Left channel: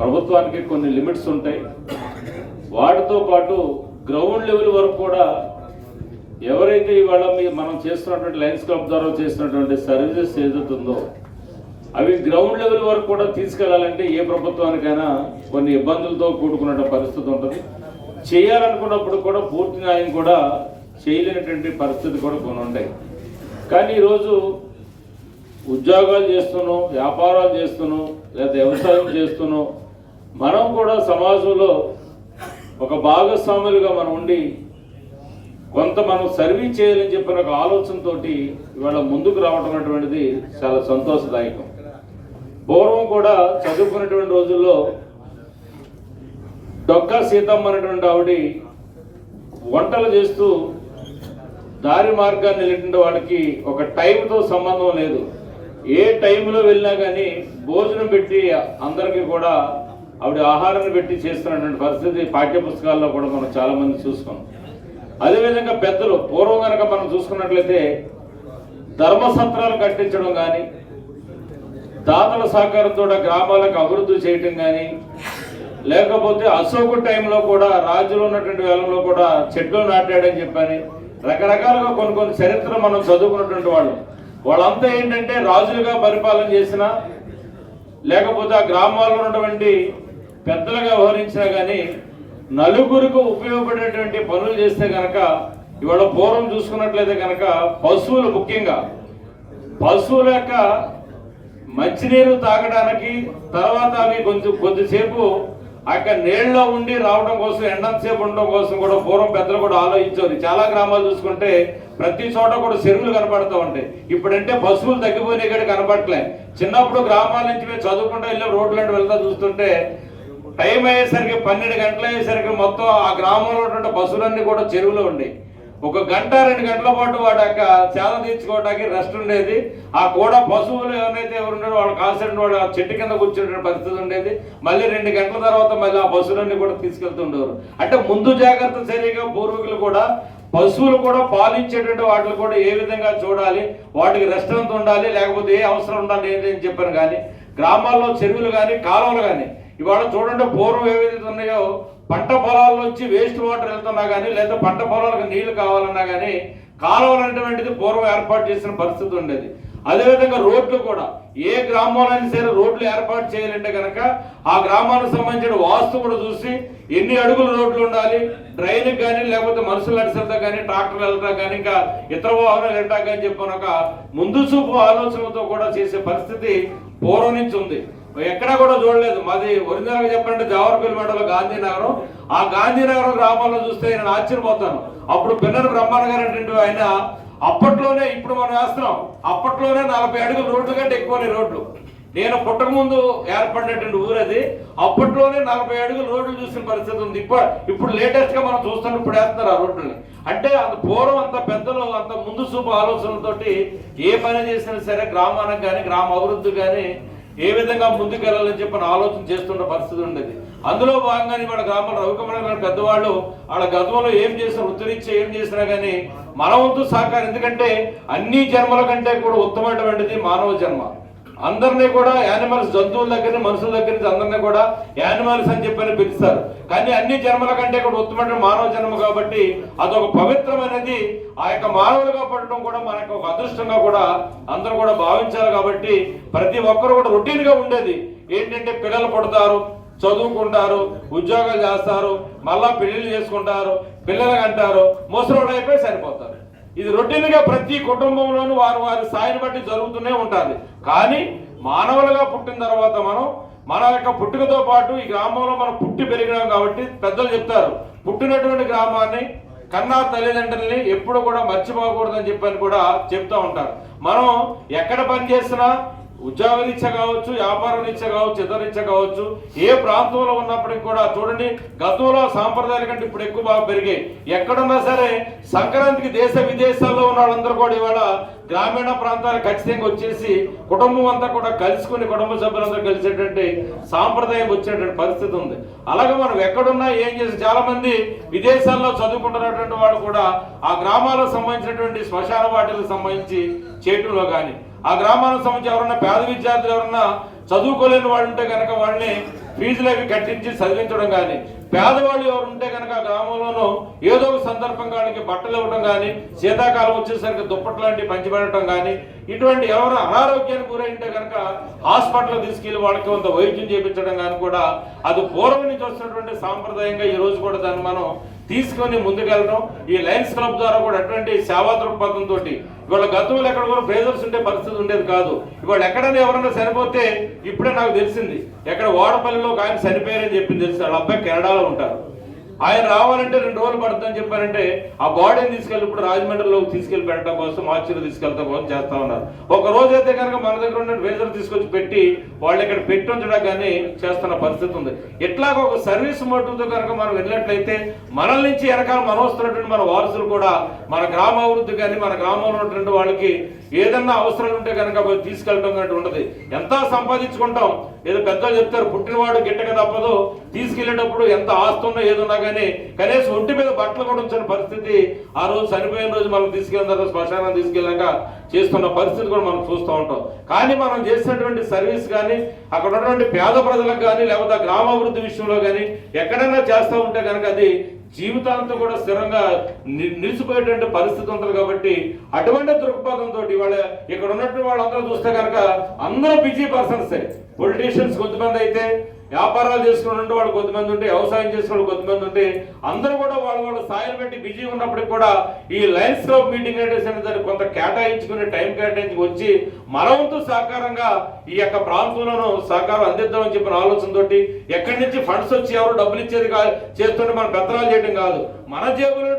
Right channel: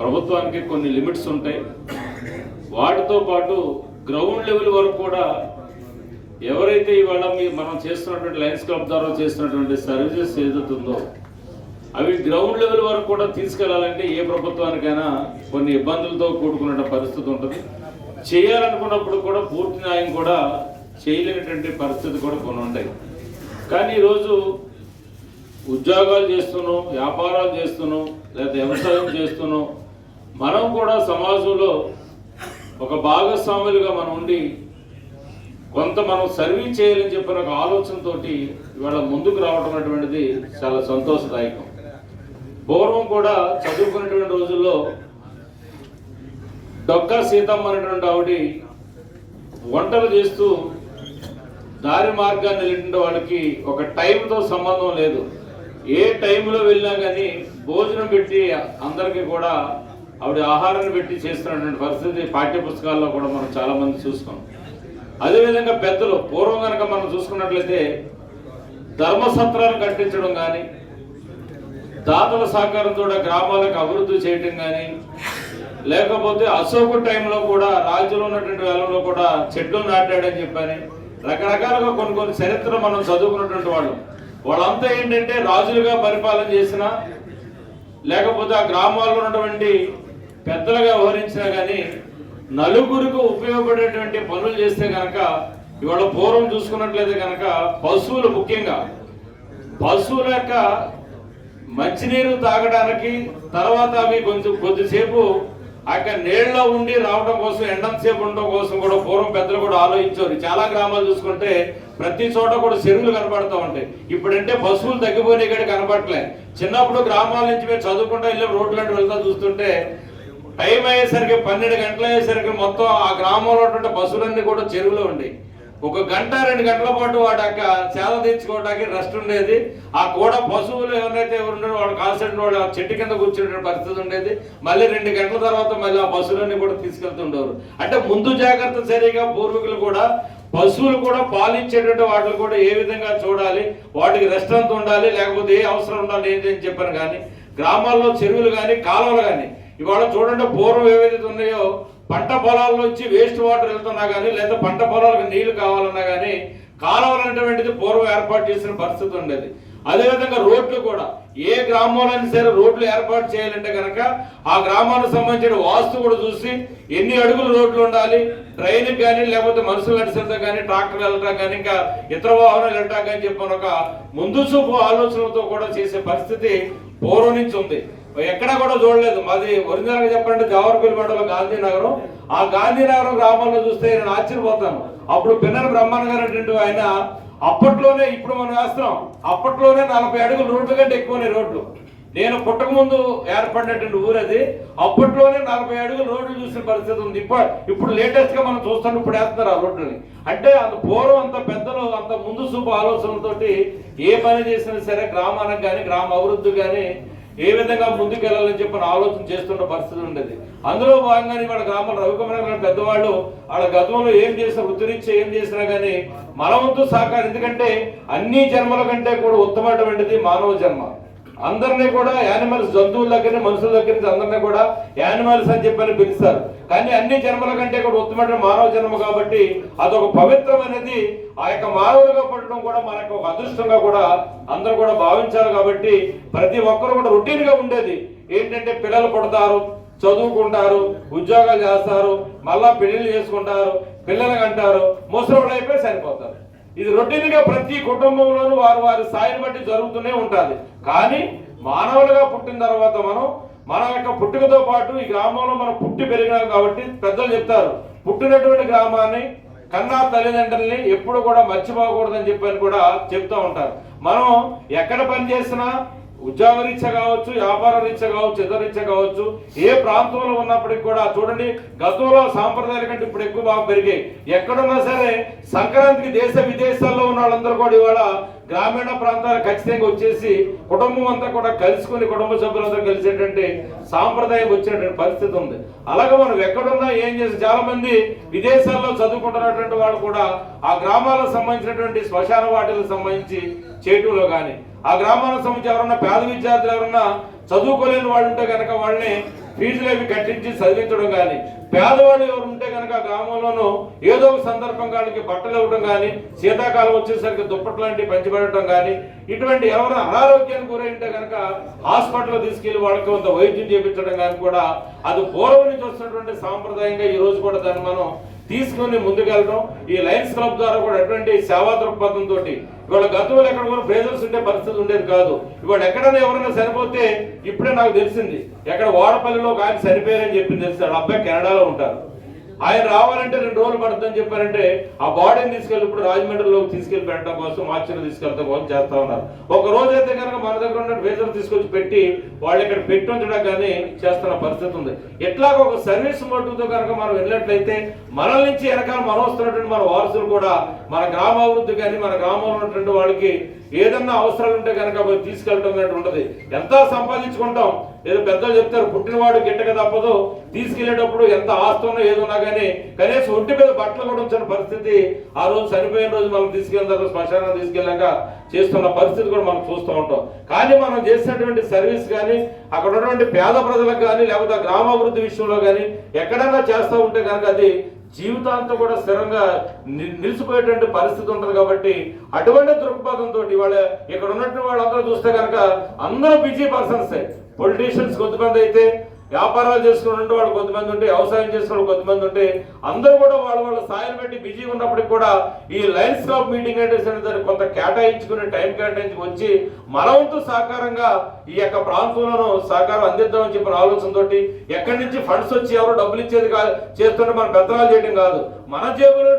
ప్రభుత్వానికి కొన్ని లిమిట్స్ ఉంటాయి. వాటితో పాటు గ్రౌండ్ లెవెల్ వరకు కూడా ఎవరైతే ఇవాళ మనం చేస్తున్నటువంటి లయన్స్ క్లబ్ ద్వారా చేస్తున్నటువంటి సర్వీసెస్ ఏదైతే ఉందో అవి గ్రౌండ్ లెవెల్ వరకు కూడా తీసుకెళ్లాలంటే ఏ ప్రభుత్వానికైనా కొన్ని ఇబ్బందులతో కూడుకున్న పరిస్థితి ఉంటుంది. చేయాలనుకున్నప్పుడు కూడా పూర్తి న్యాయం కూడా చేయలేనటువంటి పరిస్థితి కూడా కొన్ని ఉంటాయి. కానీ ఈరోజు ఉద్యోగాలు చేస్తున్నాం, వ్యాపారాలు చేస్తున్నాం, లేదా వ్యవసాయం చేస్తున్నాం, మనం కూడా సమాజంలో ఒక భాగస్వాములుగా మనం ఉండి కొంత మనం సర్వీస్ చేయాలని చెప్పిన ఒక ఆలోచనతో ఇవాళ ముందుకు రావడం అనేటువంటిది చాలా సంతోషదాయకం. పూర్వం కూడా చదువుకున్నటువంటి రోజుల్లో డొక్కా సీతమ్మ అనేటువంటి ఆవిడ వంటలు చేస్తూ దారి మార్గాన్ని వెళ్ళిన వాళ్ళకి ఒక టైంతో సంబంధం లేదు. ఏ టైంలో వెళ్ళినా కానీ భోజనం పెట్టి అందరికీ కూడా ఆవిడ ఆహారాన్ని పెట్టి చేస్తున్నటువంటి పరిస్థితి పాఠ్యపుస్తకాల్లో కూడా మనం చాలామంది చూసుకున్నాం. అదేవిధంగా పెద్దలు పూర్వం కనుక మనం చూసుకున్నట్లయితే ధర్మసత్రాలు కట్టించడం కానీ, దాతల సహకారంతో గ్రామాలకు అభివృద్ధి చేయటం కానీ, లేకపోతే అశోకు టైంలో కూడా రాజులో ఉన్నటువంటి వేళలో కూడా చెట్లు నాటాడని చెప్పని రకరకాలుగా కొన్ని చరిత్ర మనం చదువుకున్నటువంటి వాళ్ళంతా ఏంటంటే రాజులుగా పరిపాలన చేసినా లేకపోతే ఆ గ్రామాల్లో ఉన్నటువంటి పెద్దలుగా వ్యవహరించినా కానీ నలుగురికి ఉపయోగపడేటువంటి పనులు చేస్తే కనుక ఇవాళ పూర్వం చూసుకున్నట్లయితే కనుక పశువులు, ముఖ్యంగా పశువుల యొక్క మంచినీరు తాగడానికి, తర్వాత అవి కొద్దిసేపు అక్కడ నీళ్ళలో ఉండి రావడం కోసం, ఎండంతసేపు ఉండడం కోసం కూడా పూర్వం పెద్దలు కూడా ఆలోచించారు. చాలా గ్రామాలు చూసుకుంటే ప్రతి చోట కూడా చెరువులు కనపడుతూ ఉంటాయి. ఇప్పుడంటే పశువులు తగ్గిపోయినాయి కూడా కనపడలే. చిన్నప్పుడు గ్రామాల నుంచి మేము చదువుకుంటూ వెళ్ళి రోడ్లంటే వెళ్తా చూస్తుంటే టైం అయ్యేసరికి 12 గంటలు అయ్యేసరికి మొత్తం ఆ గ్రామంలో ఉన్నటువంటి పశువులన్నీ కూడా చెరువులో ఉండేవి. 1 గంట 2 గంటల పాటు వాటి యొక్క సేద తీర్చుకోవడానికి రెస్ట్ ఉండేది. ఆ కూడా పశువులు ఎవరైతే ఉన్నారో వాళ్ళు కాన్సెంట్ వాళ్ళు చెట్టు కింద కూర్చునే పరిస్థితి ఉండేది. మళ్ళీ 2 గంటల తర్వాత మళ్ళీ ఆ పశువులన్నీ కూడా తీసుకెళ్తుండేవారు. అంటే ముందు జాగ్రత్త చర్యగా పూర్వీకులు కూడా పశువులు కూడా పాలించేటువంటి వాటిని కూడా ఏ విధంగా చూడాలి, వాటికి రెస్ట్ అంత ఉండాలి, లేకపోతే ఏ అవసరం ఉండాలి ఏంటని చెప్పాను. కానీ గ్రామాల్లో చెరువులు కానీ కాలువలు కానీ ఇవాళ చూడండి, పూర్వం ఏవైతే ఉన్నాయో పంట పొలాల నుంచి వేస్ట్ వాటర్ వెళ్తున్నా కానీ, లేదా పంట పొలాలకు నీళ్లు కావాలన్నా కానీ కాలువలు అనేటువంటిది పూర్వం ఏర్పాటు చేసిన పరిస్థితి ఉండేది. అదేవిధంగా రోడ్లు కూడా ఏ గ్రామంలో సరే రోడ్లు ఏర్పాటు చేయాలంటే కనుక ఆ గ్రామానికి సంబంధించిన వాస్తు కూడా చూసి ఎన్ని అడుగులు రోడ్లు ఉండాలి, ట్రైన్కి కానీ, లేకపోతే మనుషులు నడిచేదా కానీ, ట్రాక్టర్లు వెళ్ళటం కానీ, ఇంకా ఇతర వాహనాలు వెళ్ళటం కానీ చెప్పిన ఒక ముందు చూపు ఆలోచనలతో కూడా చేసే పరిస్థితి పూర్వం నుంచి ఉంది. ఎక్కడా కూడా చూడలేదు. మాది ఒరిజినల్గా చెప్పండి జవహర్పల్లి మండలం గాంధీనగరం. ఆ గాంధీనగరం గ్రామంలో చూస్తే నేను ఆశ్చర్యపోతాను. అప్పుడు పిన్నెన బ్రహ్మణ గారు అంటే ఆయన అప్పట్లోనే, ఇప్పుడు మనం వేస్తున్నాం, అప్పట్లోనే 40 అడుగుల రోడ్లు కంటే ఎక్కువనే రోడ్లు. నేను పుట్టక ముందు ఏర్పడినటువంటి ఊరు అది. అప్పట్లోనే 40 అడుగుల రోడ్లు చూసిన పరిస్థితి ఉంది. ఇప్పుడు లేటెస్ట్ గా మనం చూస్తాం, ఇప్పుడు వేస్తున్నారు ఆ రోడ్లని. అంటే అంత పూర్వం అంత పెద్దలు అంత ముందు చూపు ఆలోచనలతోటి ఏ పని చేసినా సరే గ్రామానికి కానీ, గ్రామ అభివృద్ధి కానీ ఏ విధంగా ముందుకు వెళ్ళాలని చెప్పిన ఆలోచన చేస్తున్న పరిస్థితి ఉండేది. అందులో భాగంగానే వాళ్ళ గ్రామంలో రవికుమార్ పెద్దవాళ్ళు వాళ్ళ గతంలో ఏం చేసినా, వృత్తిరీత్యా ఏం చేసినా కానీ మన వంతు సహకారం. ఎందుకంటే అన్ని జన్మల కంటే కూడా ఉత్తమమైనటువంటిది మానవ జన్మ. అందరినీ కూడా యానిమల్స్, జంతువుల దగ్గర నుంచి మనుషుల దగ్గర నుంచి అందరినీ కూడా యానిమల్స్ అని చెప్పని పిలుస్తారు. కానీ అన్ని జన్మల కంటే కూడా ఉత్తమమైన మానవ జన్మ కాబట్టి అదొక పవిత్రమైనది. ఆ యొక్క మానవులుగా పడటం కూడా మనకు ఒక అదృష్టంగా కూడా అందరూ కూడా భావించాలి. కాబట్టి ప్రతి ఒక్కరు కూడా రొటీన్గా ఉండేది ఏంటంటే పిల్లలు పుడతారు, చదువుకుంటారు, ఉద్యోగాలు చేస్తారు, మళ్ళా పెళ్లిళ్ళు చేసుకుంటారు, పిల్లలు అంటారు, ముసలోడు అయిపోయి సరిపోతారు. ఇది రొటీన్గా ప్రతి కుటుంబంలోనూ వారి స్థాయిని బట్టి జరుగుతూనే ఉంటుంది. కానీ మానవులుగా పుట్టిన తర్వాత మన యొక్క పుట్టుకతో పాటు ఈ గ్రామంలో మనం పుట్టి పెరిగినాం కాబట్టి పెద్దలు చెప్తారు, పుట్టినటువంటి గ్రామాన్ని కన్నా తల్లిదండ్రుల్ని ఎప్పుడు కూడా మర్చిపోకూడదని చెప్పని కూడా చెప్తూ ఉంటారు. మనం ఎక్కడ పని చేసినా ఉద్యోగ రీత్యా కావచ్చు, వ్యాపార రీత్యా కావచ్చు, ఇతర రీత్యా కావచ్చు, ఏ ప్రాంతంలో ఉన్నప్పటికీ కూడా చూడండి, గతంలో సాంప్రదాయాల కంటే ఇప్పుడు ఎక్కువ బాగా పెరిగాయి. ఎక్కడున్నా సరే సంక్రాంతికి దేశ విదేశాల్లో ఉన్న వాళ్ళందరూ కూడా ఇవాళ గ్రామీణ ప్రాంతాలకు ఖచ్చితంగా వచ్చేసి కుటుంబం అంతా కూడా కలుసుకుని కుటుంబ సభ్యులందరూ కలిసేటువంటి సాంప్రదాయం వచ్చేటువంటి పరిస్థితి ఉంది. అలాగే మనం ఎక్కడున్నా ఏం చేసి చాలా మంది విదేశాల్లో చదువుకుంటున్నటువంటి వాళ్ళు కూడా ఆ గ్రామాలకు సంబంధించినటువంటి శ్మశాన వాటిలకు సంబంధించి చేయటంలో కానీ, ఆ గ్రామాలకు సంబంధించి ఎవరన్నా పేద విద్యార్థులు ఎవరన్నా చదువుకోలేని వాళ్ళు ఉంటే కనుక వాళ్ళని ఫీజులు అవి కట్టించి చదివించడం కానీ, పేదవాళ్ళు ఎవరు ఉంటే కనుక గ్రామంలోనూ ఏదో ఒక సందర్భం వాళ్ళకి బట్టలు ఇవ్వడం కానీ, శీతాకాలం వచ్చేసరికి దుప్పట్లు లాంటివి పంచిపెట్టడం కానీ, ఇటువంటి ఎవరు అనారోగ్యానికి గురైంటే కనుక హాస్పిటల్ తీసుకెళ్లి వాళ్ళకి కొంత వైద్యం చేయించడం కానీ కూడా అది పూర్వం నుంచి వస్తున్నటువంటి సాంప్రదాయంగా ఈ రోజు కూడా దాన్ని మనం తీసుకొని ముందుకెళ్ళడం. ఈ లయన్స్ క్లబ్ ద్వారా కూడా అటువంటి సేవా దృక్పథంతో ఇవాళ గతంలో ఎక్కడ కూడా ప్రేజర్స్ ఉండే పరిస్థితి ఉండేది కాదు. ఇవాళ ఎక్కడైనా ఎవరైనా చనిపోతే ఇప్పుడే నాకు తెలిసింది, ఎక్కడ వాడపల్లిలో ఒక ఆయన చనిపోయారని చెప్పింది తెలిసి, వాళ్ళ అబ్బాయి కెనడాలో ఉంటారు. ఆయన రావాలంటే 2 రోజులు పడుతుందని చెప్పారంటే ఆ బాడీని తీసుకెళ్ళి ఇప్పుడు రాజమండ్రిలోకి తీసుకెళ్లి పెట్టడం కోసం, మార్చిలో తీసుకెళ్ళడం కోసం చేస్తా ఉన్నారు. ఒక రోజు అయితే కనుక మన దగ్గర ఉన్న వేజర్ తీసుకొచ్చి పెట్టి వాళ్ళు ఇక్కడ పెట్టి ఉంచడం కానీ చేస్తున్న పరిస్థితి ఉంది. ఇట్లాగ ఒక సర్వీస్ మోటివ్తో కనుక మనం వెళ్ళినట్లయితే మనల నుంచి వెనకాల మనం వస్తున్నటువంటి మన వారసులు కూడా మన గ్రామాభివృద్ధి కానీ, మన గ్రామంలో ఉన్నటువంటి వాళ్ళకి ఏదన్నా అవసరాలు ఉంటే కనుక పోయి తీసుకెళ్ళడం అనేది ఉండదు. ఎంత సంపాదించుకుంటాం, ఏదో పెద్దలు చెప్తారు పుట్టినవాడు గిట్టక తప్పదు, తీసుకెళ్లేటప్పుడు ఎంత ఆస్తున్నా ఏదున్నా కానీ కనీసం ఒంటి మీద బట్టలు కూడా ఉంచిన పరిస్థితి ఆ రోజు చనిపోయిన రోజు మనం తీసుకెళ్ళిన తర్వాత శ్మశానం తీసుకెళ్ళాక చేస్తున్న పరిస్థితి కూడా మనం చూస్తూ ఉంటాం. కానీ మనం చేసినటువంటి సర్వీస్ కానీ, అక్కడ ఉన్నటువంటి పేద ప్రజలకు కానీ, లేకపోతే గ్రామాభివృద్ధి విషయంలో కానీ ఎక్కడైనా చేస్తూ ఉంటే కనుక అది జీవితాంతం కూడా స్థిరంగా నిలిచిపోయేటువంటి పరిస్థితి ఉంటుంది. కాబట్టి అటువంటి దృక్పథంతో ఇవాళ ఇక్కడ ఉన్నటువంటి వాళ్ళందరూ చూస్తే కనుక అందరూ బిజీ పర్సన్స్. పొలిటీషియన్స్ కొంతమంది అయితే, వ్యాపారాలు చేసుకుని వాళ్ళు కొంతమంది ఉంటే, వ్యవసాయం చేసుకుని కొంతమంది ఉంటే, అందరూ కూడా వాళ్ళ స్థాయిని బట్టి బిజీ ఉన్నప్పటికీ కూడా ఈ లయన్స్ క్లబ్ మీటింగ్ అంటే దాన్ని కొంత కేటాయించుకుని టైం కేటాయించుకు వచ్చి మన వంతు సహకారంగా ఈ యొక్క ప్రాంతంలోనూ సహకారం అందిద్దామని చెప్పిన ఆలోచనతో ఎక్కడి నుంచి ఫండ్స్ వచ్చి ఎవరు డబ్బులు ఇచ్చేది కాదు చేస్తుంటే మనం పెత్తనాలు చేయడం కాదు, మన జేబులో